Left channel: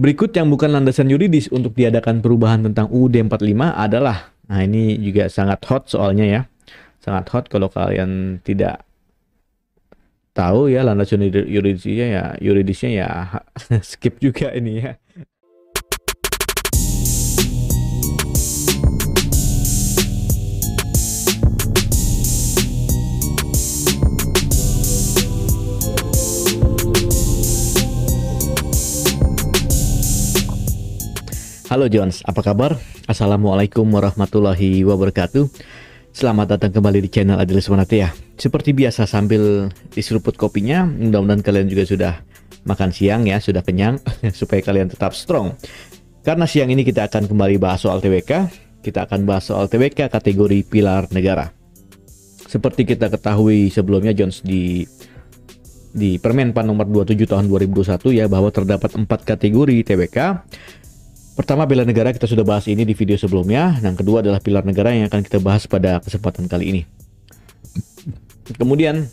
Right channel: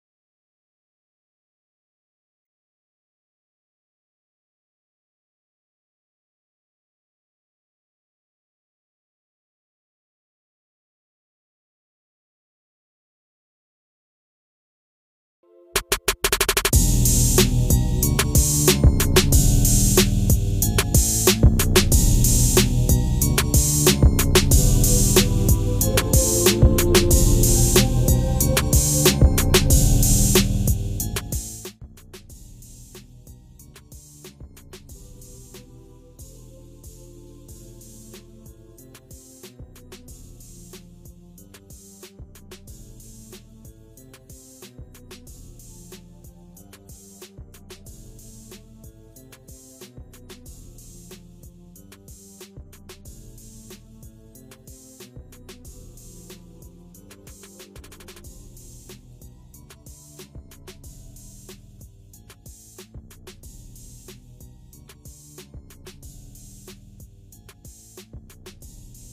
Berikut yang bukan landasan yuridis untuk diadakan perubahan tentang UUD 45 adalah, nah ini juga sangat hot soalnya ya, sangat hot kalau kalian tidak tahu ya landasan yuridisnya ya skip juga ini ya. Halo Jones, apa kabar? Assalamualaikum warahmatullahi wabarakatuh. Selamat datang kembali di channel Adilis Manatia. Seperti biasa sambil diseruput kopinya, mudah-mudahan kalian juga sudah makan siang ya, sudah kenyang supaya kalian tetap strong. Karena siang ini kita akan kembali bahas soal TWK. Kita akan bahas soal TWK kategori pilar negara. Seperti kita ketahui sebelumnya Jones di Permenpan nomor 27 tahun 2021 ya, bahwa terdapat 4 kategori TWK. Pertama, bela negara, kita sudah bahas ini di video sebelumnya. Yang kedua adalah pilar negara yang akan kita bahas pada kesempatan kali ini. Kemudian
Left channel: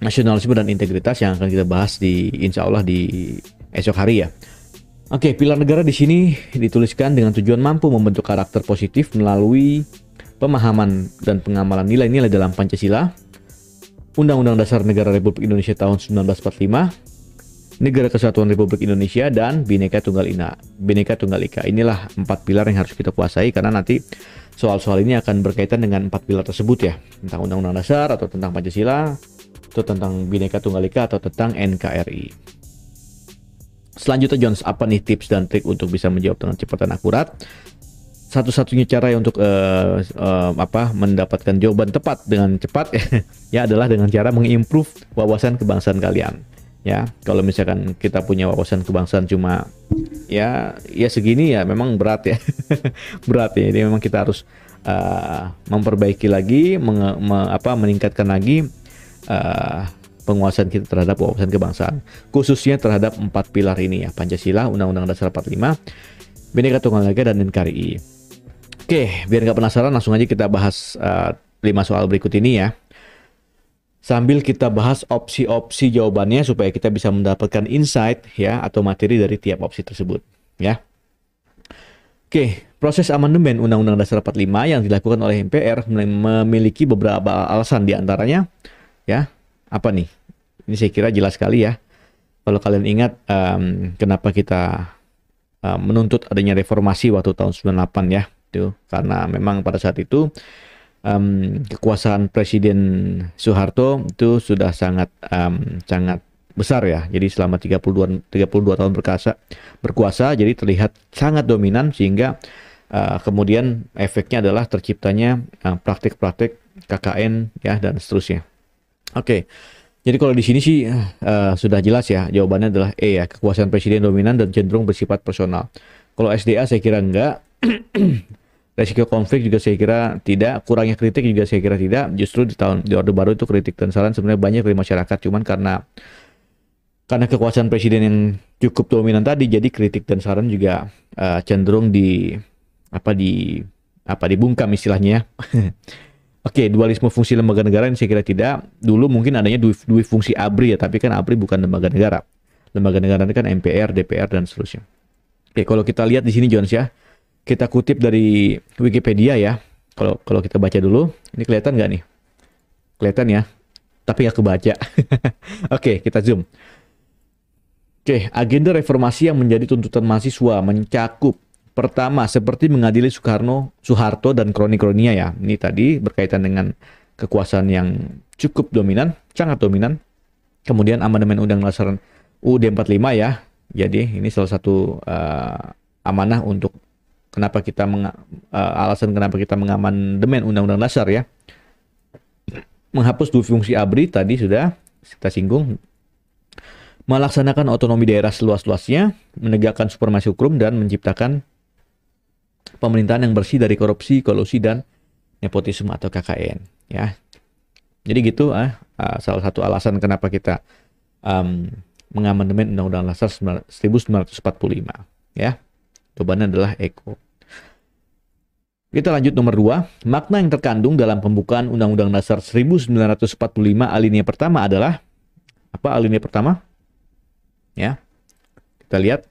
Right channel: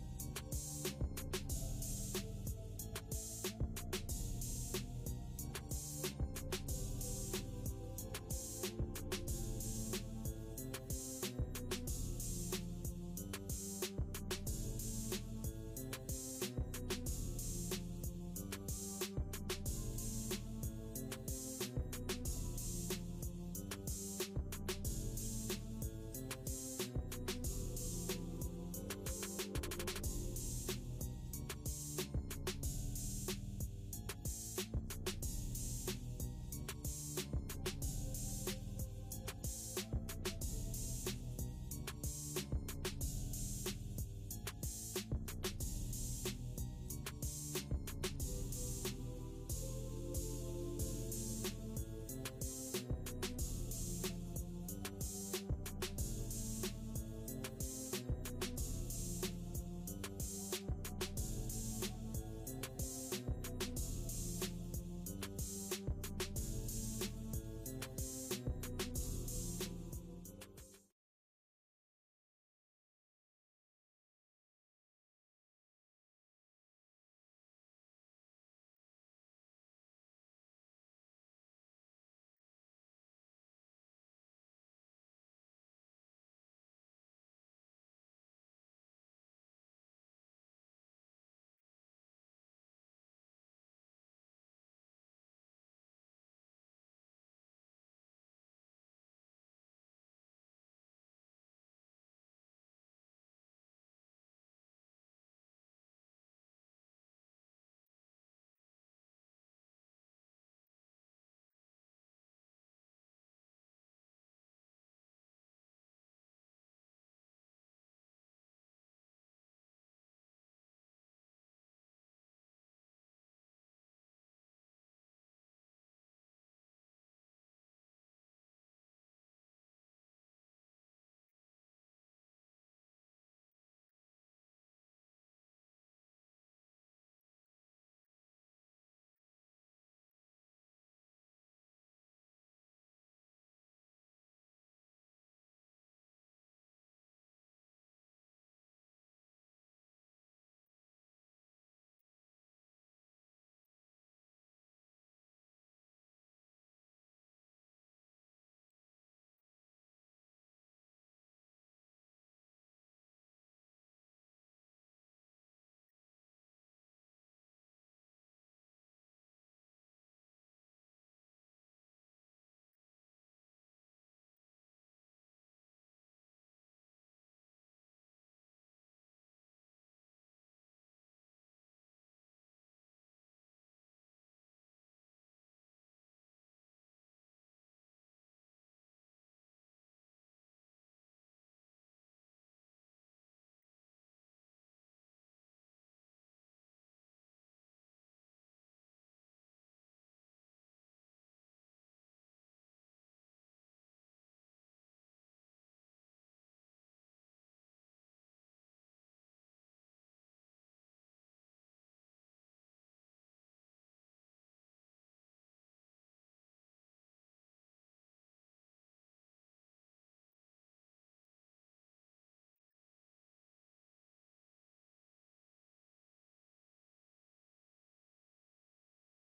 nasionalisme dan integritas yang akan kita bahas insya Allah di esok hari ya. Oke, pilar negara di sini dituliskan dengan tujuan mampu membentuk karakter positif melalui pemahaman dan pengamalan nilai-nilai dalam Pancasila, Undang-Undang Dasar Negara Republik Indonesia tahun 1945, Negara Kesatuan Republik Indonesia, dan Bhinneka Tunggal Ika. Inilah 4 pilar yang harus kita kuasai karena nanti soal-soal ini akan berkaitan dengan 4 pilar tersebut ya, tentang Undang-Undang Dasar atau tentang Pancasila atau tentang Bhinneka Tunggal Ika atau tentang NKRI. Selanjutnya Jones, apa nih tips dan trik untuk bisa menjawab dengan cepat dan akurat? Satu-satunya cara untuk mendapatkan jawaban tepat dengan cepat ya adalah dengan cara mengimprove wawasan kebangsaan kalian. Ya, kalau misalkan kita punya wawasan kebangsaan cuma ya segini ya memang berat ya. Berat ya. Jadi memang kita harus memperbaiki lagi, meningkatkan lagi penguasaan kita terhadap wawasan kebangsaan, khususnya terhadap 4 pilar ini ya, Pancasila, Undang-Undang Dasar 45, Bhinneka Tunggal Ika, dan NKRI. Oke, biar nggak penasaran langsung aja kita bahas 5 soal berikut ini ya. Sambil kita bahas opsi-opsi jawabannya supaya kita bisa mendapatkan insight ya atau materi dari tiap opsi tersebut ya. Oke, proses amandemen Undang-Undang Dasar 45 yang dilakukan oleh MPR memiliki beberapa alasan, diantaranya ya, apa nih? Ini saya kira jelas sekali ya. Kalau kalian ingat kenapa kita menuntut adanya reformasi waktu tahun 98 ya, itu karena memang pada saat itu kekuasaan Presiden Soeharto itu sudah sangat besar ya. Jadi selama 32 tahun berkuasa, jadi terlihat sangat dominan sehingga kemudian efeknya adalah terciptanya praktik-praktik KKN ya dan seterusnya. Oke. Jadi kalau di sini sih sudah jelas ya, jawabannya adalah E ya, kekuasaan presiden dominan dan cenderung bersifat personal. Kalau SDA saya kira enggak. Resiko konflik juga saya kira tidak, kurangnya kritik juga saya kira tidak. Justru di Orde Baru itu kritik dan saran sebenarnya banyak dari masyarakat, cuman karena kekuasaan presiden yang cukup dominan tadi, jadi kritik dan saran juga cenderung dibungkam istilahnya. Oke, dualisme fungsi lembaga negara ini saya kira tidak. Dulu mungkin adanya dua fungsi ABRI ya, tapi kan ABRI bukan lembaga negara. Lembaga negara ini kan MPR, DPR, dan seterusnya. Oke, kalau kita lihat di sini Jones ya, kita kutip dari Wikipedia ya. Kalau kita baca dulu, ini kelihatan nggak nih? Kelihatan ya, tapi nggak kebaca. Oke, kita zoom. Oke, agenda reformasi yang menjadi tuntutan mahasiswa mencakup pertama, seperti mengadili Soeharto dan kroni-kroninya ya. Ini tadi berkaitan dengan kekuasaan yang cukup dominan, sangat dominan. Kemudian amandemen Undang-Undang Dasar UUD 45 ya. Jadi ini salah satu amanah untuk alasan kenapa kita mengamandemen Undang-Undang Dasar ya. Menghapus dua fungsi ABRI tadi sudah kita singgung. Melaksanakan otonomi daerah seluas-luasnya, menegakkan supremasi hukum dan menciptakan pemerintahan yang bersih dari korupsi, kolusi, dan nepotisme atau KKN ya. Jadi gitu salah satu alasan kenapa kita mengamandemen Undang-Undang Dasar 1945 ya. Jawabannya adalah Eko. Kita lanjut nomor 2. Makna yang terkandung dalam pembukaan Undang-Undang Dasar 1945 alinea pertama adalah apa alinea pertama? Ya. Kita lihat.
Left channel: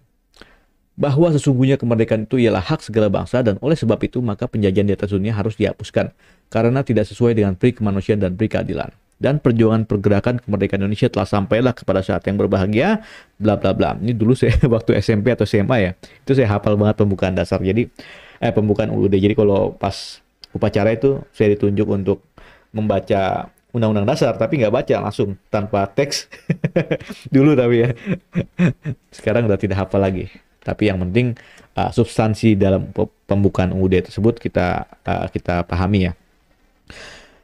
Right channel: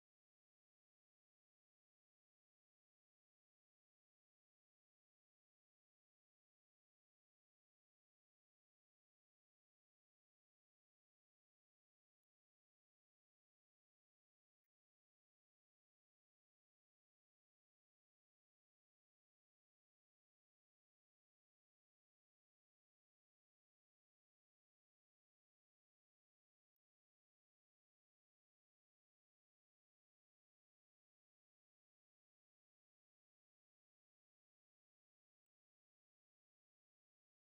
bahwa sesungguhnya kemerdekaan itu ialah hak segala bangsa dan oleh sebab itu maka penjajahan di atas dunia harus dihapuskan karena tidak sesuai dengan peri kemanusiaan dan peri keadilan. Dan perjuangan pergerakan kemerdekaan Indonesia telah sampailah kepada saat yang berbahagia, bla bla bla. Ini dulu saya waktu SMP atau SMA ya, itu saya hafal banget pembukaan dasar. Jadi pembukaan UUD. Jadi kalau pas upacara itu saya ditunjuk untuk membaca Undang-Undang Dasar, tapi nggak baca langsung tanpa teks dulu tapi ya. Sekarang udah tidak hafal lagi. Tapi yang penting substansi dalam pembukaan UUD tersebut kita pahami ya.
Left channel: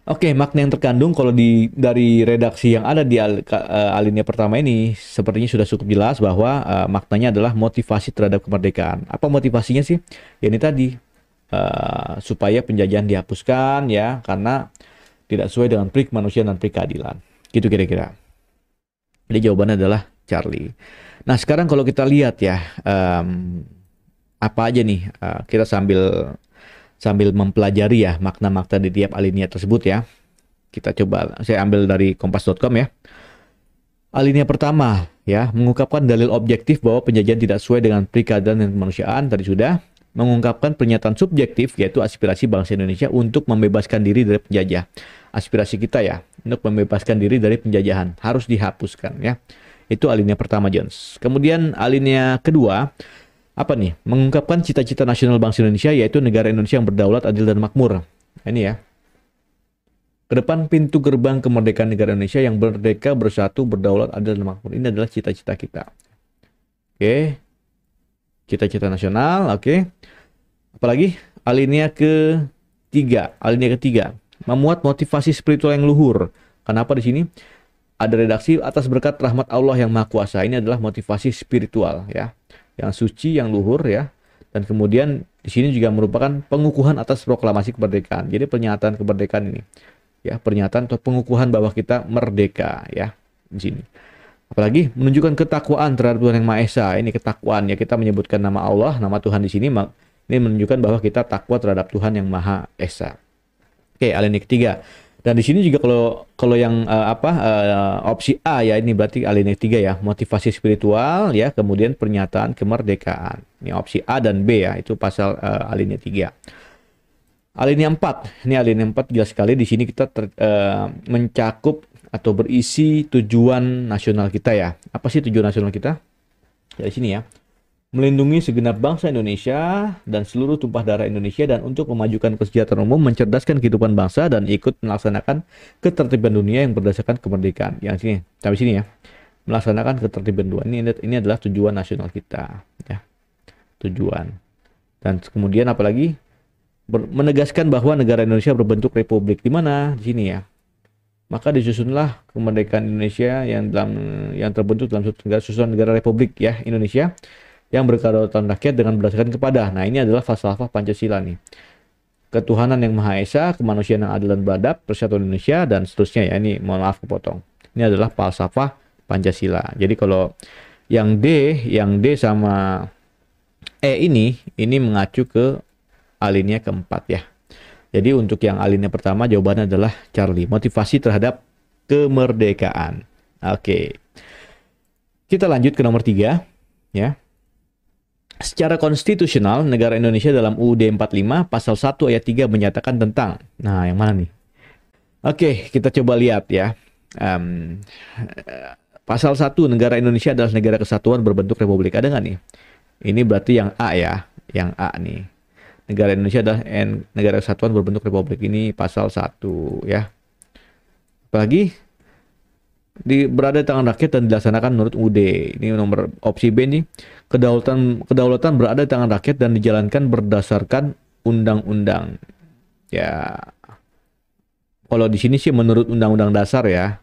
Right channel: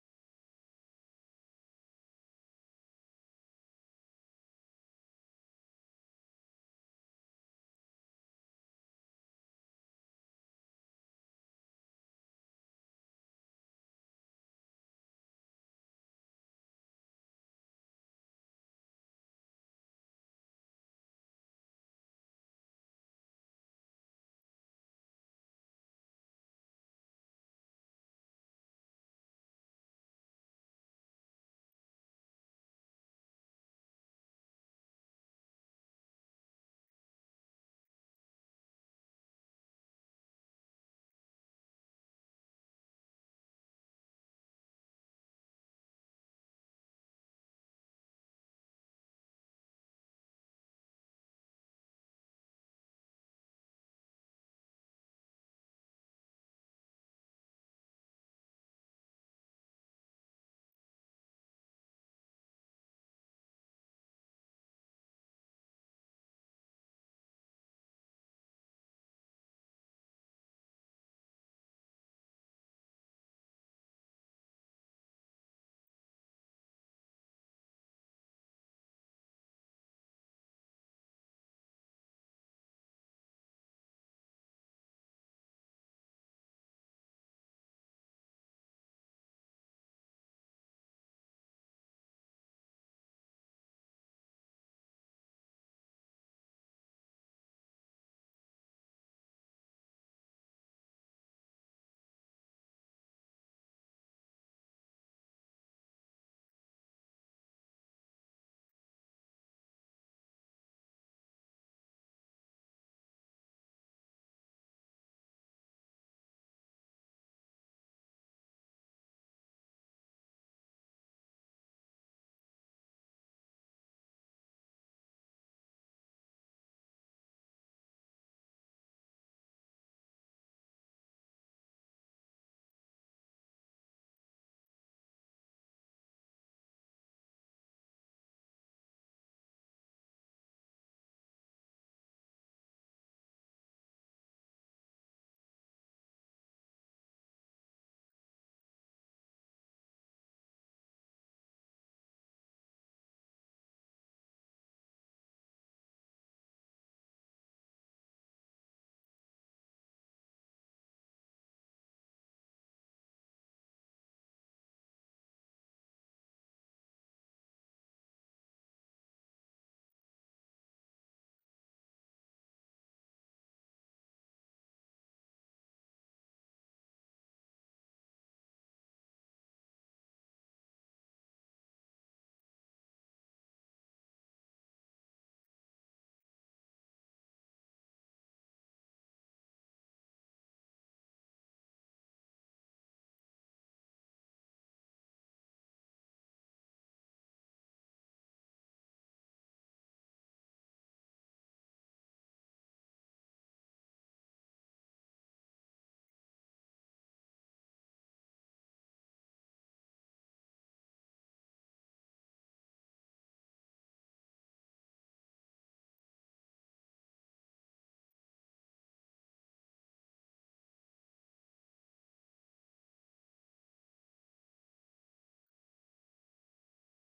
Oke, makna yang terkandung kalau dari redaksi yang ada di alinea pertama ini sepertinya sudah cukup jelas bahwa maknanya adalah motivasi terhadap kemerdekaan. Apa motivasinya sih? Ya ini tadi supaya penjajahan dihapuskan ya karena tidak sesuai dengan peri kemanusiaan dan peri keadilan. Gitu kira-kira. Jadi jawabannya adalah Charlie. Nah sekarang kalau kita lihat ya apa aja nih kita sambil mempelajari ya makna-makna di tiap alinea tersebut ya. Kita coba saya ambil dari kompas.com ya. Alinea pertama ya mengungkapkan dalil objektif bahwa penjajahan tidak sesuai dengan peri keadilan dan kemanusiaan tadi sudah. Mengungkapkan pernyataan subjektif yaitu aspirasi bangsa Indonesia untuk membebaskan diri dari penjajah. Aspirasi kita ya untuk membebaskan diri dari penjajahan harus dihapuskan ya. Itu alinea pertama Jones. Kemudian alinea kedua apa nih? Mengungkapkan cita-cita nasional bangsa Indonesia yaitu negara Indonesia yang berdaulat, adil dan makmur. Ini ya. Kedepan pintu gerbang kemerdekaan negara Indonesia yang merdeka, bersatu, berdaulat, adil dan makmur. Ini adalah cita-cita kita. Oke. Cita-cita nasional, oke. Apalagi alinea ketiga, memuat motivasi spiritual yang luhur. Kenapa di sini? Ada redaksi atas berkat rahmat Allah yang Maha Kuasa. Ini adalah motivasi spiritual ya, yang suci, yang luhur ya. Dan kemudian di sini juga merupakan pengukuhan atas proklamasi kemerdekaan. Jadi pernyataan kemerdekaan ini ya, pernyataan atau pengukuhan bahwa kita merdeka ya di sini. Apalagi menunjukkan ketakwaan terhadap Tuhan Yang Maha Esa. Ini ketakwaan ya, kita menyebutkan nama Allah, nama Tuhan di sini. Ini menunjukkan bahwa kita takwa terhadap Tuhan Yang Maha Esa. Oke, alinea ketiga. Dan di sini juga kalau yang opsi A ya, ini berarti alinea ketiga ya, motivasi spiritual ya, kemudian pernyataan kemerdekaan. Ini opsi A dan B ya, itu pasal alinea 3. Alinea 4. Ini alinea 4 jelas sekali di sini kita mencakup atau berisi tujuan nasional kita ya. Apa sih tujuan nasional kita? Dari sini ya. Melindungi segenap bangsa Indonesia dan seluruh tumpah darah Indonesia dan untuk memajukan kesejahteraan umum, mencerdaskan kehidupan bangsa dan ikut melaksanakan ketertiban dunia yang berdasarkan kemerdekaan. Yang sini, sampai sini ya. Melaksanakan ketertiban dunia. Ini adalah tujuan nasional kita ya. Tujuan. Dan kemudian apalagi? Menegaskan bahwa negara Indonesia berbentuk republik. Di mana? Di sini ya. Maka disusunlah kemerdekaan Indonesia yang terbentuk dalam susunan negara Republik ya Indonesia yang berkedaulatan rakyat dengan berdasarkan kepada. Nah, ini adalah falsafah Pancasila nih. Ketuhanan yang Maha Esa, kemanusiaan yang adil dan beradab, persatuan Indonesia dan seterusnya ya. Ini mohon maaf kepotong. Ini adalah falsafah Pancasila. Jadi kalau yang D sama E ini mengacu ke alinea keempat ya. Jadi untuk yang alinea pertama jawabannya adalah Charlie. Motivasi terhadap kemerdekaan. Oke. Kita lanjut ke nomor 3 ya. Secara konstitusional negara Indonesia dalam UUD 45 pasal 1 ayat 3 menyatakan tentang. Nah, yang mana nih? Oke, kita coba lihat ya. Pasal 1 negara Indonesia adalah negara kesatuan berbentuk republik. Ada nggak nih? Ini berarti yang A ya. Yang A nih. Negara Indonesia adalah negara kesatuan berbentuk republik. Ini pasal 1 ya. Apalagi berada di tangan rakyat dan dilaksanakan menurut UUD. Ini nomor opsi B nih. Kedaulatan berada di tangan rakyat dan dijalankan berdasarkan undang-undang. Ya. Kalau di sini sih menurut undang-undang dasar ya.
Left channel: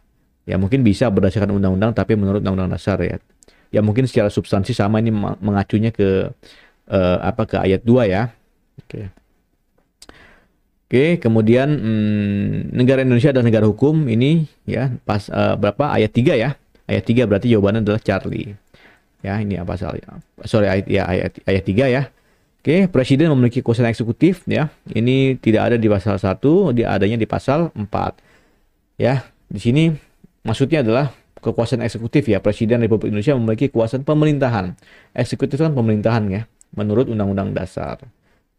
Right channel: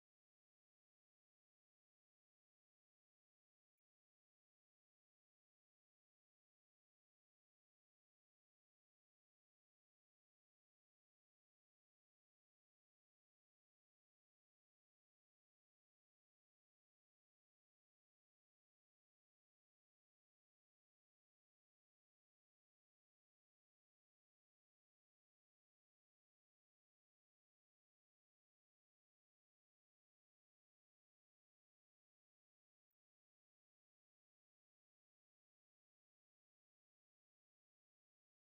Ya mungkin bisa berdasarkan undang-undang tapi menurut undang-undang dasar ya. Ya mungkin secara substansi sama, ini mengacunya ke ke ayat 2 ya. Oke, kemudian negara Indonesia adalah negara hukum. Ini ya berapa? Ayat 3 ya. Ayat 3 berarti jawabannya adalah Charlie. Ya, ini apa pasalnya? Sorry, ayat 3 ya. Oke, presiden memiliki kekuasaan eksekutif ya. Ini tidak ada di pasal 1, dia adanya di pasal 4. Ya, di sini maksudnya adalah kekuasaan eksekutif ya. Presiden Republik Indonesia memiliki kekuasaan pemerintahan. Eksekutif kan pemerintahan ya, menurut Undang-Undang Dasar.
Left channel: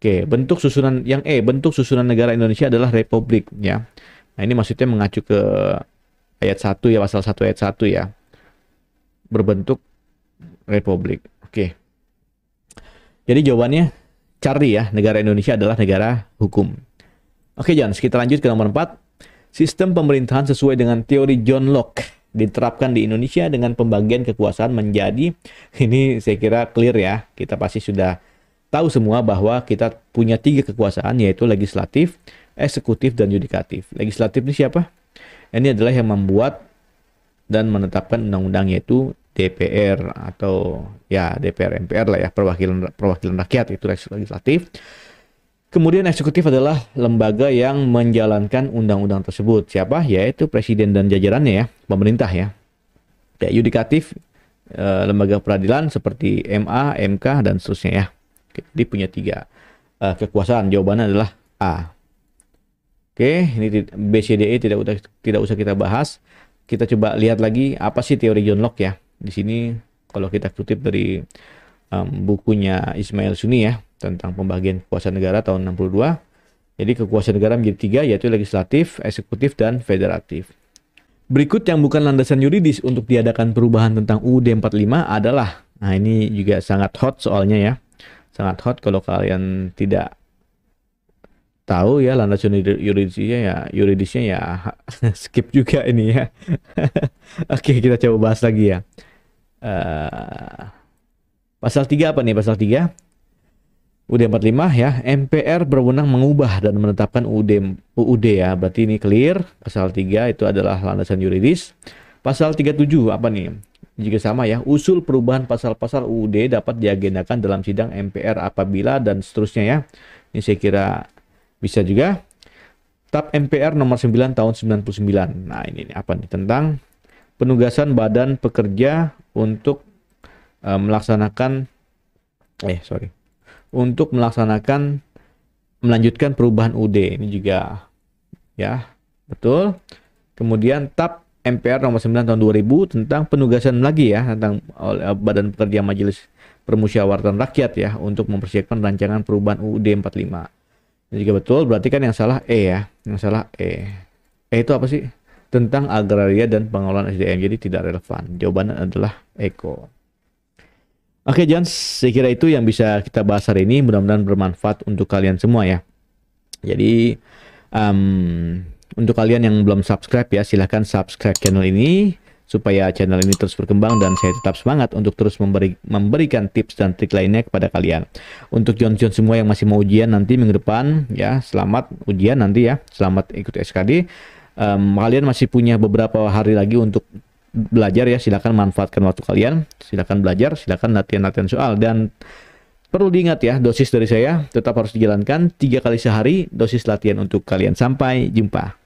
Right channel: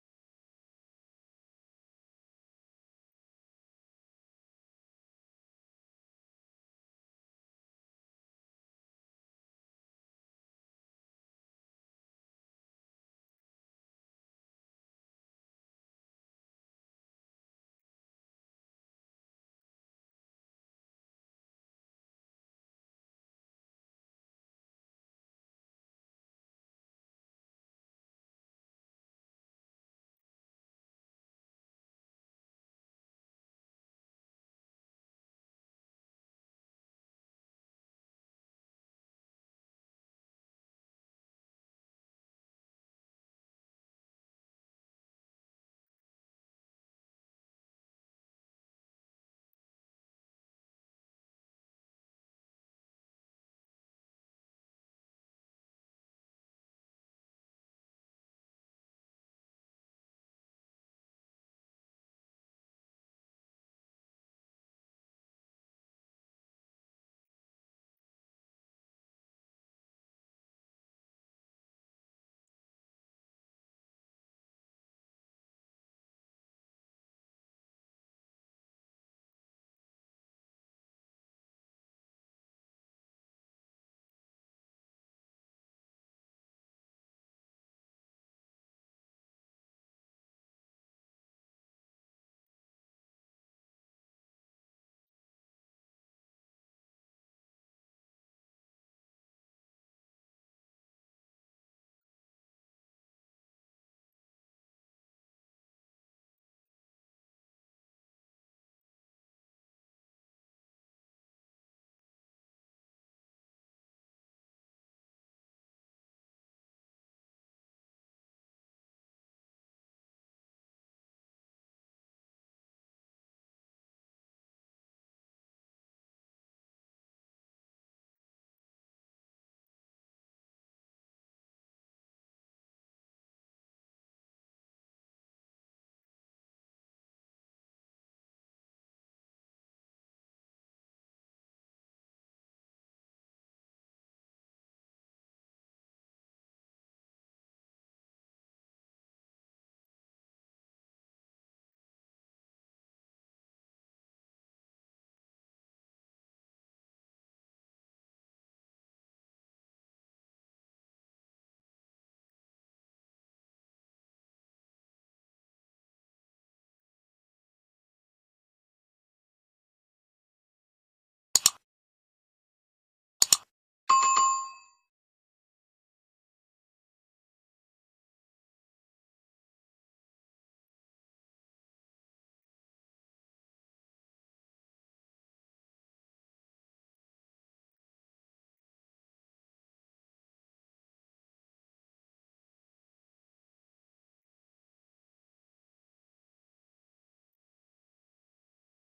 Oke, bentuk susunan yang bentuk susunan negara Indonesia adalah republik ya. Nah, ini maksudnya mengacu ke ayat 1 ya, pasal 1 ayat 1 ya. Berbentuk republik. Oke. Jadi jawabannya Charlie ya, negara Indonesia adalah negara hukum. Oke, John, kita lanjut ke nomor 4. Sistem pemerintahan sesuai dengan teori John Locke diterapkan di Indonesia dengan pembagian kekuasaan menjadi, ini saya kira clear ya, kita pasti sudah tahu semua bahwa kita punya 3 kekuasaan, yaitu legislatif, eksekutif, dan yudikatif. Legislatif ini siapa? Ini adalah yang membuat dan menetapkan undang-undang, yaitu DPR atau ya DPR MPR lah ya, perwakilan rakyat, itu legislatif. Kemudian eksekutif adalah lembaga yang menjalankan undang-undang tersebut. Siapa? Yaitu presiden dan jajarannya ya, pemerintah ya. Ya, yudikatif lembaga peradilan seperti MA, MK, dan seterusnya ya. Jadi punya 3 kekuasaan. Jawabannya adalah A. Oke, ini B, C, D, E tidak usah kita bahas. Kita coba lihat lagi apa sih teori John Locke ya. Di sini kalau kita kutip dari bukunya Ismail Sunni ya, tentang pembagian kekuasaan negara tahun 62. Jadi kekuasaan negara menjadi 3, yaitu legislatif, eksekutif, dan federatif. Berikut yang bukan landasan yuridis untuk diadakan perubahan tentang UUD 45 adalah, nah ini juga sangat hot soalnya ya. Sangat hot kalau kalian tidak tahu ya landasan yuridisnya ya skip juga ini ya. Oke, kita coba bahas lagi ya. Pasal 3 apa nih? Pasal 3 UUD 45 ya, MPR berwenang mengubah dan menetapkan UUD ya. Berarti ini clear. Pasal 3 itu adalah landasan yuridis. Pasal 37 apa nih? Juga sama ya. Usul perubahan pasal-pasal UUD dapat diagendakan dalam sidang MPR apabila dan seterusnya ya. Ini saya kira bisa juga. TAP MPR nomor 9 tahun 99. Nah, ini apa nih? Tentang penugasan badan pekerja untuk melanjutkan perubahan UUD. Ini juga ya, betul. Kemudian TAP MPR nomor 9 tahun 2000 tentang penugasan lagi ya, tentang Badan Pekerja Majelis Permusyawaratan Rakyat ya, untuk mempersiapkan rancangan perubahan UUD 45. Ini juga betul, berarti kan yang salah E ya, yang salah E. E itu apa sih? Tentang agraria dan pengelolaan SDM, jadi tidak relevan. Jawabannya adalah Eko. Oke, John, saya kira itu yang bisa kita bahas hari ini. Mudah-mudahan bermanfaat untuk kalian semua ya. Jadi, untuk kalian yang belum subscribe ya, silahkan subscribe channel ini supaya channel ini terus berkembang dan saya tetap semangat untuk terus memberikan tips dan trik lainnya kepada kalian. Untuk John semua yang masih mau ujian nanti minggu depan ya, selamat ujian nanti ya, selamat ikut SKD. Kalian masih punya beberapa hari lagi untuk belajar ya, silakan manfaatkan waktu kalian, silakan belajar, silakan latihan soal, dan perlu diingat ya, dosis dari saya tetap harus dijalankan 3 kali sehari dosis latihan untuk kalian. Sampai jumpa.